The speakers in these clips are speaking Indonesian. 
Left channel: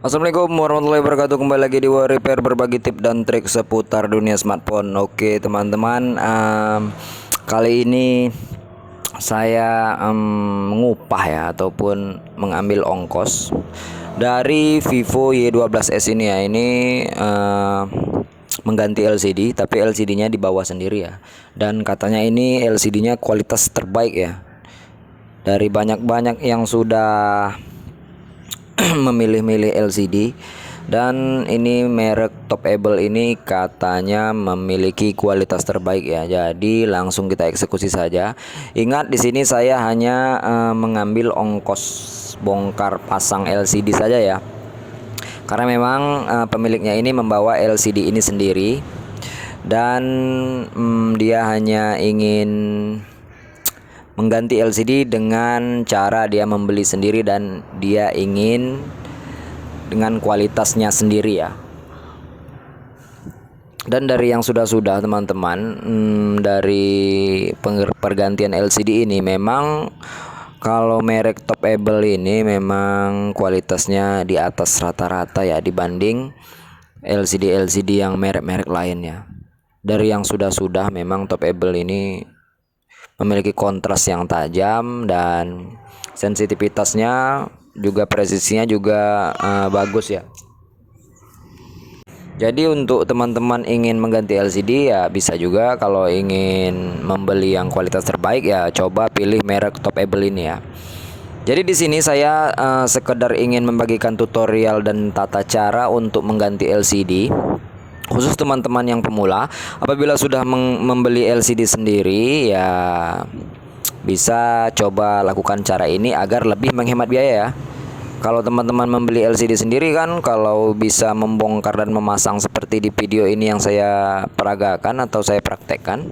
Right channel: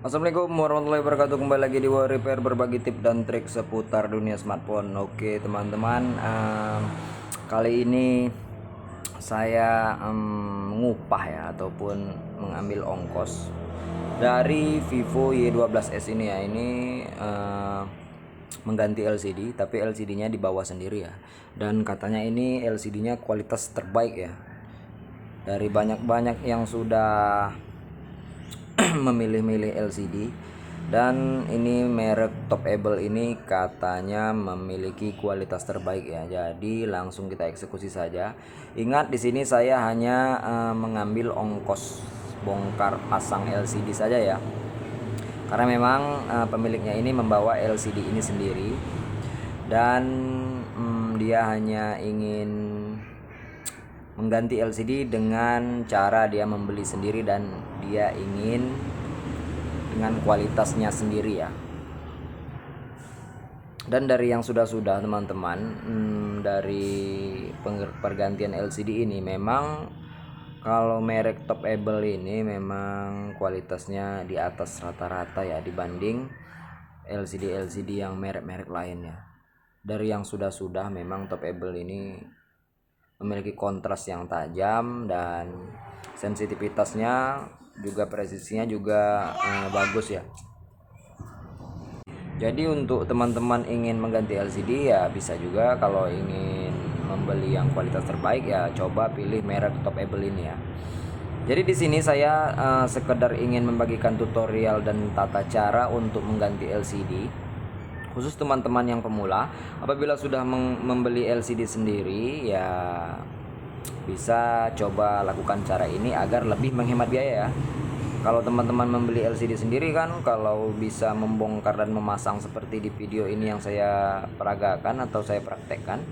Assalamualaikum warahmatullahi wabarakatuh. Kembali lagi di War Repair, berbagi tip dan trik seputar dunia smartphone. Oke teman-teman, kali ini saya mengupah ya ataupun mengambil ongkos dari Vivo Y12s ini ya. Ini mengganti LCD, tapi LCD-nya dibawa sendiri ya. Dan katanya ini LCD-nya kualitas terbaik ya. Dari banyak-banyak yang sudah memilih-milih LCD, dan ini merek Topable ini katanya memiliki kualitas terbaik ya. Jadi langsung kita eksekusi saja. Ingat di sini saya hanya mengambil ongkos bongkar pasang LCD saja ya. Karena memang pemiliknya ini membawa LCD ini sendiri, dan dia hanya ingin mengganti LCD dengan cara dia membeli sendiri dan dia ingin dengan kualitasnya sendiri ya. Dan dari yang sudah-sudah teman-teman, dari pergantian LCD ini memang kalau merek Topable ini memang kualitasnya di atas rata-rata ya dibanding LCD yang merek-merek lainnya. Dari yang sudah-sudah memang Topable ini memiliki kontras yang tajam dan sensitivitasnya juga, presisinya juga bagus ya. Jadi untuk teman-teman ingin mengganti LCD ya bisa juga. Kalau ingin membeli yang kualitas terbaik ya coba pilih merek Topable ini ya. Jadi di sini saya sekedar ingin membagikan tutorial dan tata cara untuk mengganti LCD. Khusus teman-teman yang pemula, apabila sudah membeli LCD sendiri ya bisa coba lakukan cara ini agar lebih menghemat biaya ya. Kalau teman-teman membeli LCD sendiri kan, kalau bisa membongkar dan memasang seperti di video ini yang saya peragakan atau saya praktekkan,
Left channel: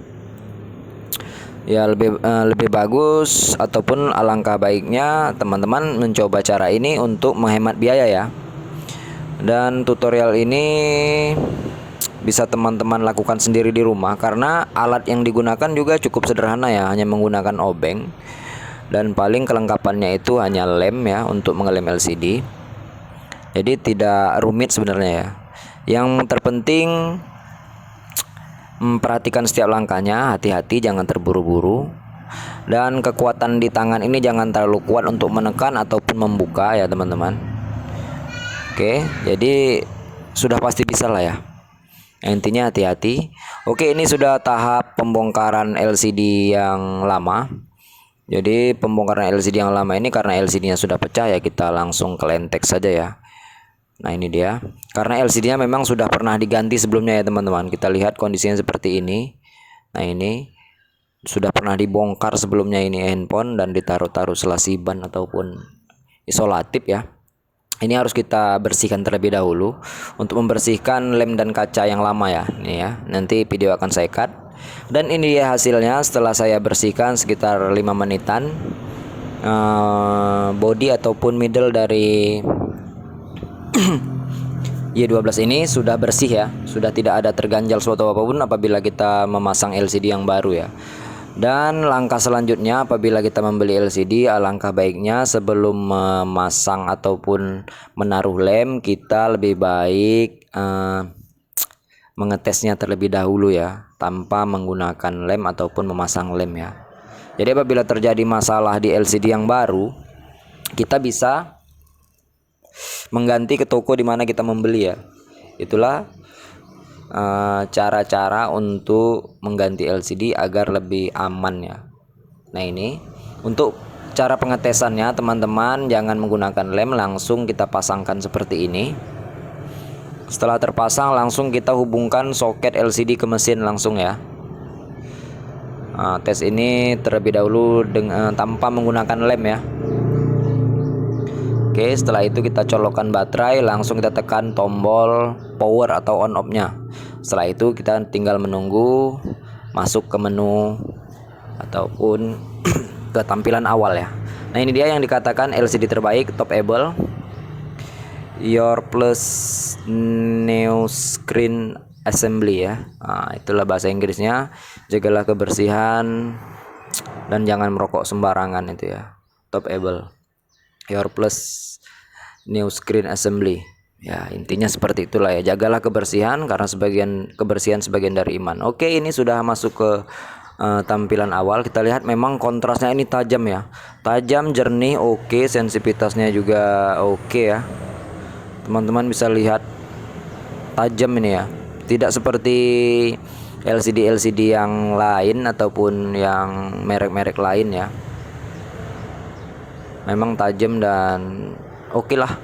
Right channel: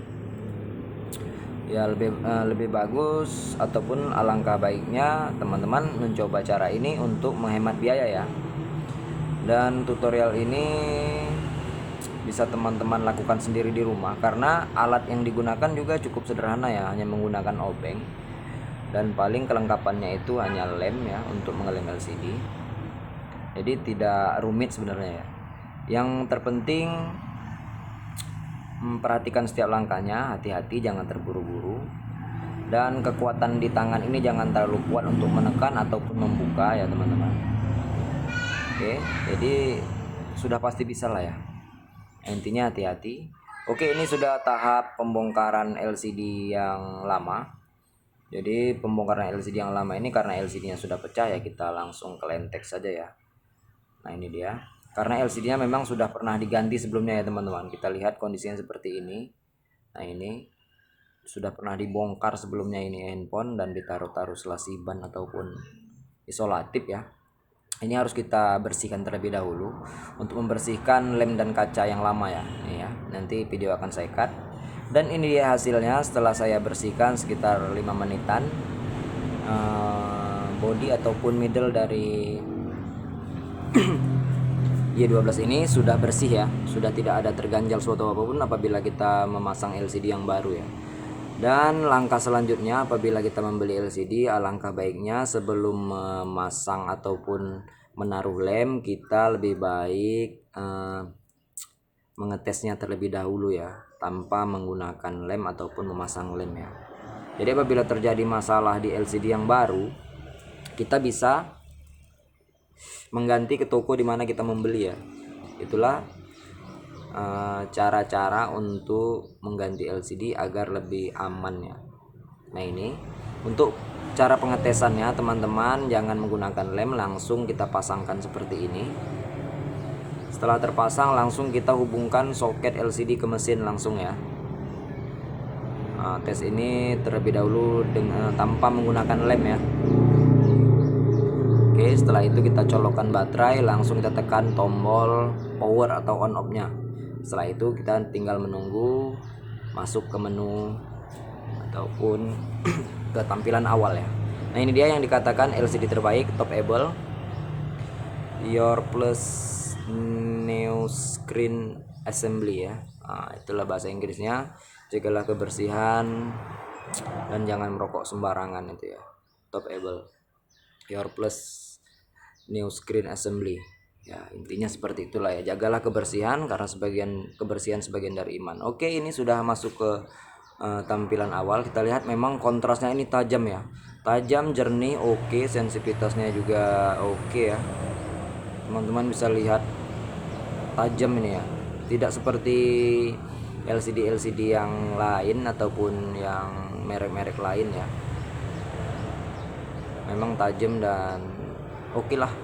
ya lebih bagus ataupun alangkah baiknya teman-teman mencoba cara ini untuk menghemat biaya ya. Dan tutorial ini bisa teman-teman lakukan sendiri di rumah karena alat yang digunakan juga cukup sederhana ya, hanya menggunakan obeng dan paling kelengkapannya itu hanya lem ya untuk mengelem LCD. Jadi tidak rumit sebenarnya ya. Yang terpenting memperhatikan setiap langkahnya, hati-hati jangan terburu-buru, dan kekuatan di tangan ini jangan terlalu kuat untuk menekan ataupun membuka ya teman-teman. Oke, jadi sudah pasti bisa lah ya. Intinya hati-hati. Oke, ini sudah tahap pembongkaran LCD yang lama. Jadi pembongkaran LCD yang lama ini karena LCD-nya sudah pecah ya, kita langsung ke lentek saja ya. Nah ini dia. Karena LCD-nya memang sudah pernah diganti sebelumnya ya teman-teman. Kita lihat kondisinya seperti ini. Nah ini sudah pernah dibongkar sebelumnya ini handphone dan ditaruh-taruh selasi ban ataupun isolatif ya. Ini harus kita bersihkan terlebih dahulu untuk membersihkan lem dan kaca yang lama ya. Ini ya, nanti video akan saya cut. Dan ini dia hasilnya setelah saya bersihkan sekitar 5 menitan. Body ataupun middle dari Y12 ini sudah bersih ya, sudah tidak ada terganjal suatu apapun apabila kita memasang LCD yang baru ya. Dan langkah selanjutnya apabila kita membeli LCD, alangkah baiknya sebelum memasang ataupun menaruh lem, kita lebih baik mengetesnya terlebih dahulu ya, tanpa menggunakan lem ataupun memasang lem ya. Jadi apabila terjadi masalah di LCD yang baru, kita bisa mengganti ke toko di mana kita membeli ya. Itulah cara-cara untuk mengganti LCD agar lebih aman ya. Nah ini untuk cara pengetesannya teman-teman, jangan menggunakan lem, langsung kita pasangkan seperti ini. Setelah terpasang langsung kita hubungkan soket LCD ke mesin langsung ya. Tes ini terlebih dahulu dengan tanpa menggunakan lem ya. Oke, setelah itu kita colokkan baterai, langsung kita tekan tombol power atau on off nya. Setelah itu kita tinggal menunggu masuk ke menu ataupun ke tampilan awal ya. Nah ini dia yang dikatakan LCD terbaik Topable Your Plus New Screen Assembly ya. Itulah bahasa Inggrisnya. Jagalah kebersihan dan jangan merokok sembarangan itu ya. Topable Your Plus New Screen Assembly. Ya, intinya seperti itulah ya. Jagalah kebersihan karena kebersihan sebagian dari iman. Oke, ini sudah masuk ke tampilan awal. Kita lihat memang kontrasnya ini tajam ya. Tajam, jernih, oke, sensitivitasnya juga oke ya. Teman-teman bisa lihat tajam ini ya. Tidak seperti LCD yang lain ataupun yang merek-merek lain ya. Memang tajam dan oke lah.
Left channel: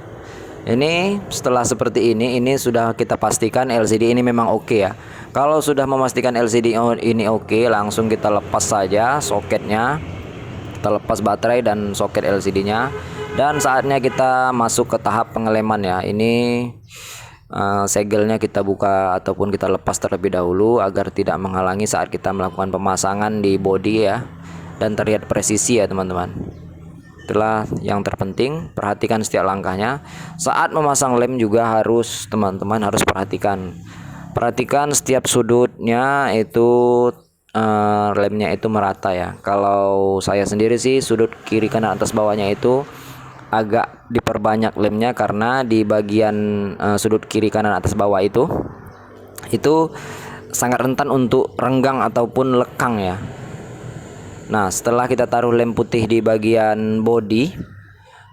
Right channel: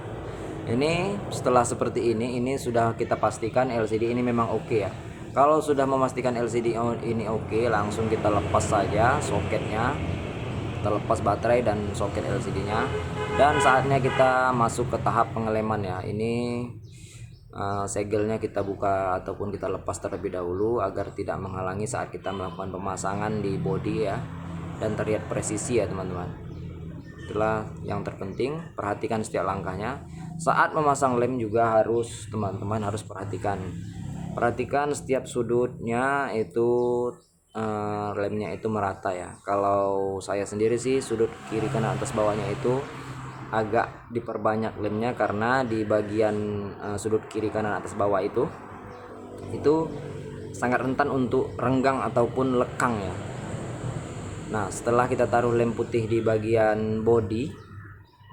Ini setelah seperti ini sudah kita pastikan LCD ini memang oke ya. Kalau sudah memastikan LCD ini oke, langsung kita lepas saja soketnya. Kita lepas baterai dan soket LCD-nya, dan saatnya kita masuk ke tahap pengeleman ya. Ini segelnya kita buka ataupun kita lepas terlebih dahulu agar tidak menghalangi saat kita melakukan pemasangan di bodi ya, dan terlihat presisi ya teman-teman. Itulah yang terpenting, perhatikan setiap langkahnya. Saat memasang lem juga harus teman-teman harus perhatikan setiap sudutnya itu, lemnya itu merata ya. Kalau saya sendiri sih sudut kiri kanan atas bawahnya itu agak diperbanyak lemnya, karena di bagian sudut kiri kanan atas bawah itu sangat rentan untuk renggang ataupun lekang ya. Nah, setelah kita taruh lem putih di bagian bodi,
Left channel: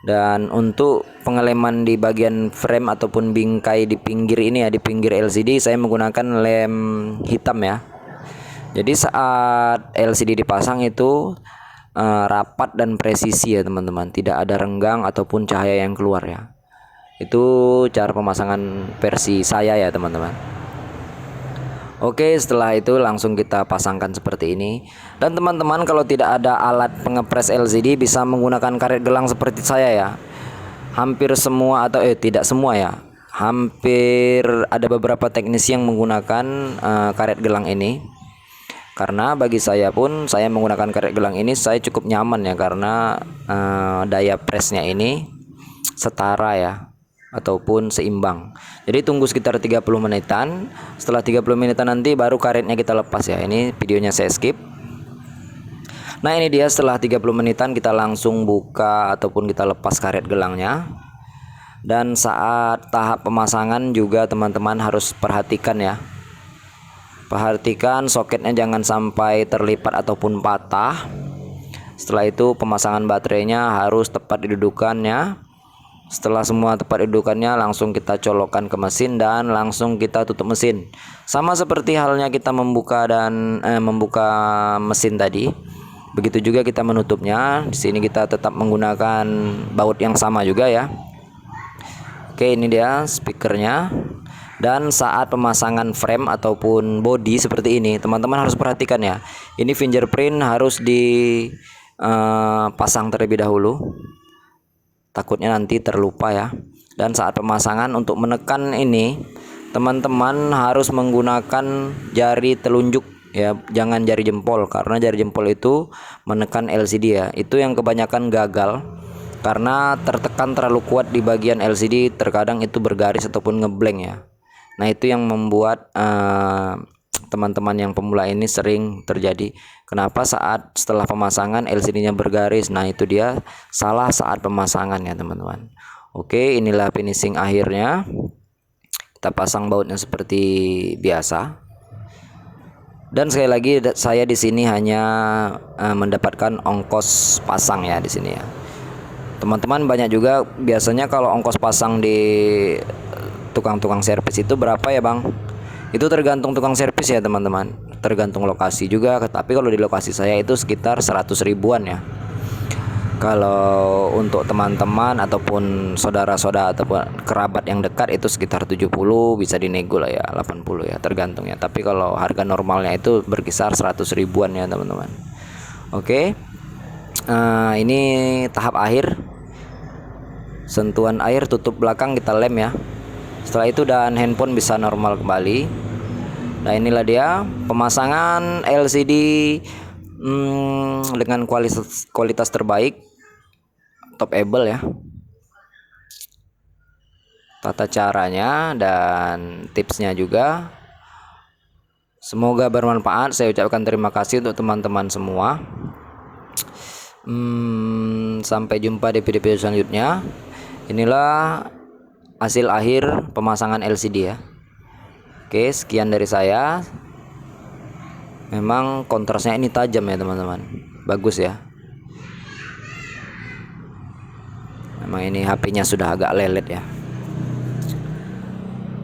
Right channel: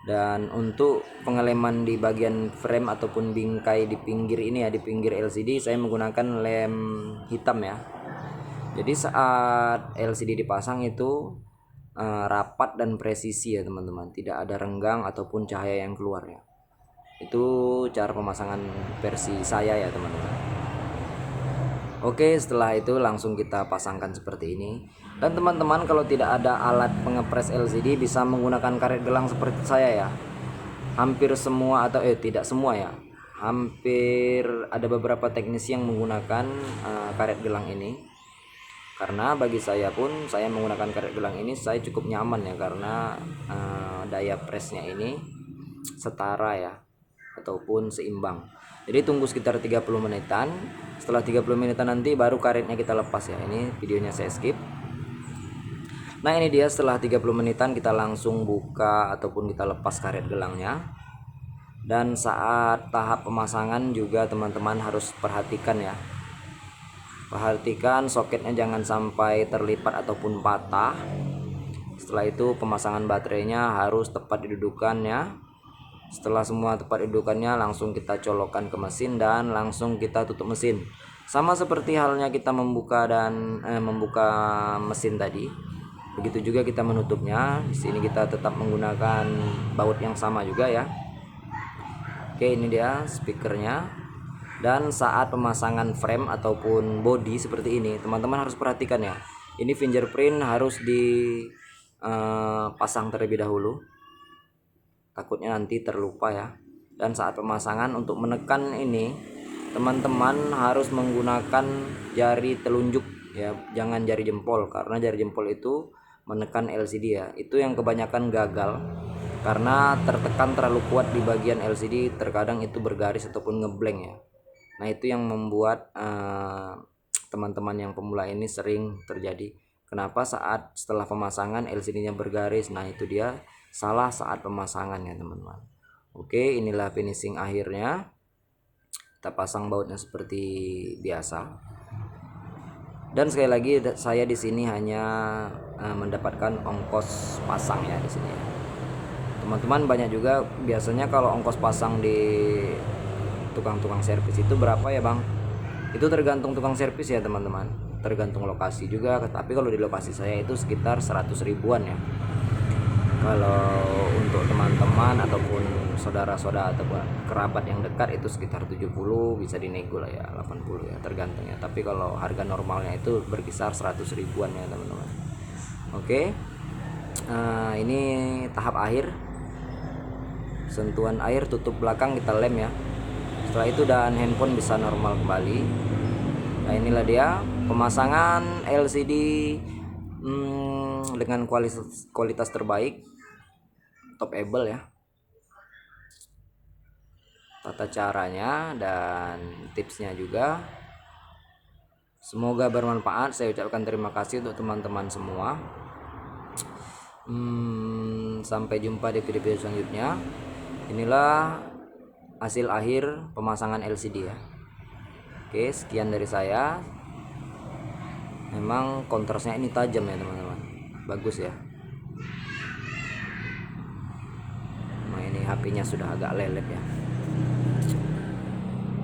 dan untuk pengeleman di bagian frame ataupun bingkai di pinggir ini ya, di pinggir LCD saya menggunakan lem hitam ya. Jadi saat LCD dipasang itu rapat dan presisi ya teman-teman, tidak ada renggang ataupun cahaya yang keluar ya. Itu cara pemasangan versi saya ya teman-teman. Oke, setelah itu langsung kita pasangkan seperti ini. Dan teman-teman kalau tidak ada alat pengepres LCD bisa menggunakan karet gelang seperti saya ya. Hampir semua atau tidak semua ya. Hampir ada beberapa teknisi yang menggunakan karet gelang ini. Karena bagi saya pun, saya menggunakan karet gelang ini saya cukup nyaman ya, karena daya presnya ini setara ya, ataupun seimbang. Jadi tunggu sekitar 30 menitan. Setelah 30 menitan nanti baru karetnya kita lepas ya. Ini videonya saya skip. Nah, ini dia setelah 30 menitan kita langsung buka ataupun kita lepas karet gelangnya. Dan saat tahap pemasangan juga teman-teman harus perhatikan ya. Perhatikan soketnya jangan sampai terlipat ataupun patah. Setelah itu pemasangan baterainya harus tepat didudukannya. Setelah semua tepat dudukannya langsung kita colokkan ke mesin dan langsung kita tutup mesin. Sama seperti halnya kita membuka mesin tadi. Begitu juga kita menutupnya. Di sini kita tetap menggunakan baut yang sama juga ya. Oke, ini dia speakernya. Dan saat pemasangan frame ataupun body seperti ini, teman-teman harus perhatikan ya. Ini fingerprint harus dipasang terlebih dahulu. Takutnya nanti terlupa ya. Dan saat pemasangan untuk menekan ini, teman-teman harus menggunakan jari telunjuk ya, jangan jari jempol, karena jari jempol itu menekan LCD ya. Itu yang kebanyakan gagal karena tertekan terlalu kuat di bagian LCD, terkadang itu bergaris ataupun ngeblank ya. Nah, itu yang membuat teman-teman yang pemula ini sering terjadi. Kenapa setelah pemasangan LCD-nya bergaris? Nah, itu dia salah saat pemasangan ya teman-teman. Oke, inilah finishing akhirnya. Kita pasang bautnya seperti biasa. Dan sekali lagi saya di sini hanya mendapatkan ongkos pasang ya di sini ya. Teman-teman banyak juga biasanya kalau ongkos pasang di tukang-tukang servis itu berapa ya bang? Itu tergantung tukang servis ya teman-teman, tergantung lokasi juga. Tapi kalau di lokasi saya itu sekitar 100 ribuan ya. Kalau untuk teman-teman ataupun saudara-saudara ataupun kerabat yang dekat itu sekitar 70, bisa dinego lah ya, 80 ya, tergantung ya. Tapi kalau harga normalnya itu berkisar 100 ribuan ya teman-teman. Oke, ini tahap akhir. Sentuhan air, tutup belakang kita lem ya. Setelah itu dan handphone bisa normal kembali. Nah, inilah dia pemasangan LCD dengan kualitas terbaik, top able ya. Tata caranya dan tipsnya juga. Semoga bermanfaat. Saya ucapkan terima kasih untuk teman-teman semua. Sampai jumpa di video-video selanjutnya. Inilah hasil akhir pemasangan LCD ya. Oke, sekian dari saya. Memang kontrasnya ini tajam ya teman-teman, bagus ya. Memang ini HP-nya sudah agak lelet ya.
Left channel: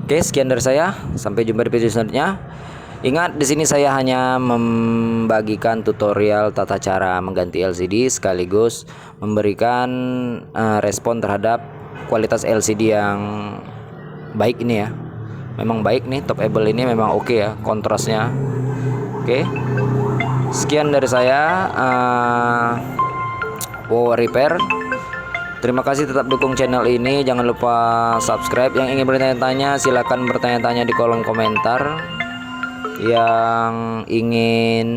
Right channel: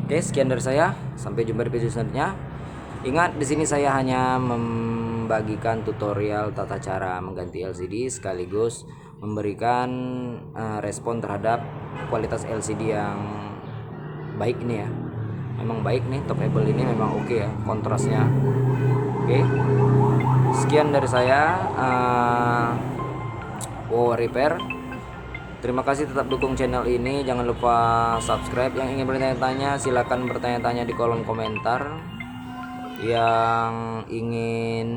Oke, sekian dari saya. Sampai jumpa di video selanjutnya. Ingat, di sini saya hanya membagikan tutorial tata cara mengganti LCD sekaligus memberikan respon terhadap kualitas LCD yang baik ini ya. Memang baik nih, top able ini memang oke ya kontrasnya. Oke. Sekian dari saya, Wow Repair. Terima kasih, tetap dukung channel ini. Jangan lupa subscribe. Yang ingin bertanya-tanya silakan bertanya-tanya di kolom komentar. Yang ingin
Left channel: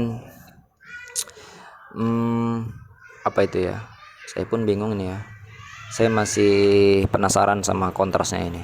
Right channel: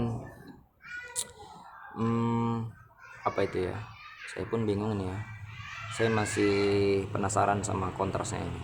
apa itu ya? Saya pun bingung nih ya. Saya masih penasaran sama kontrasnya ini.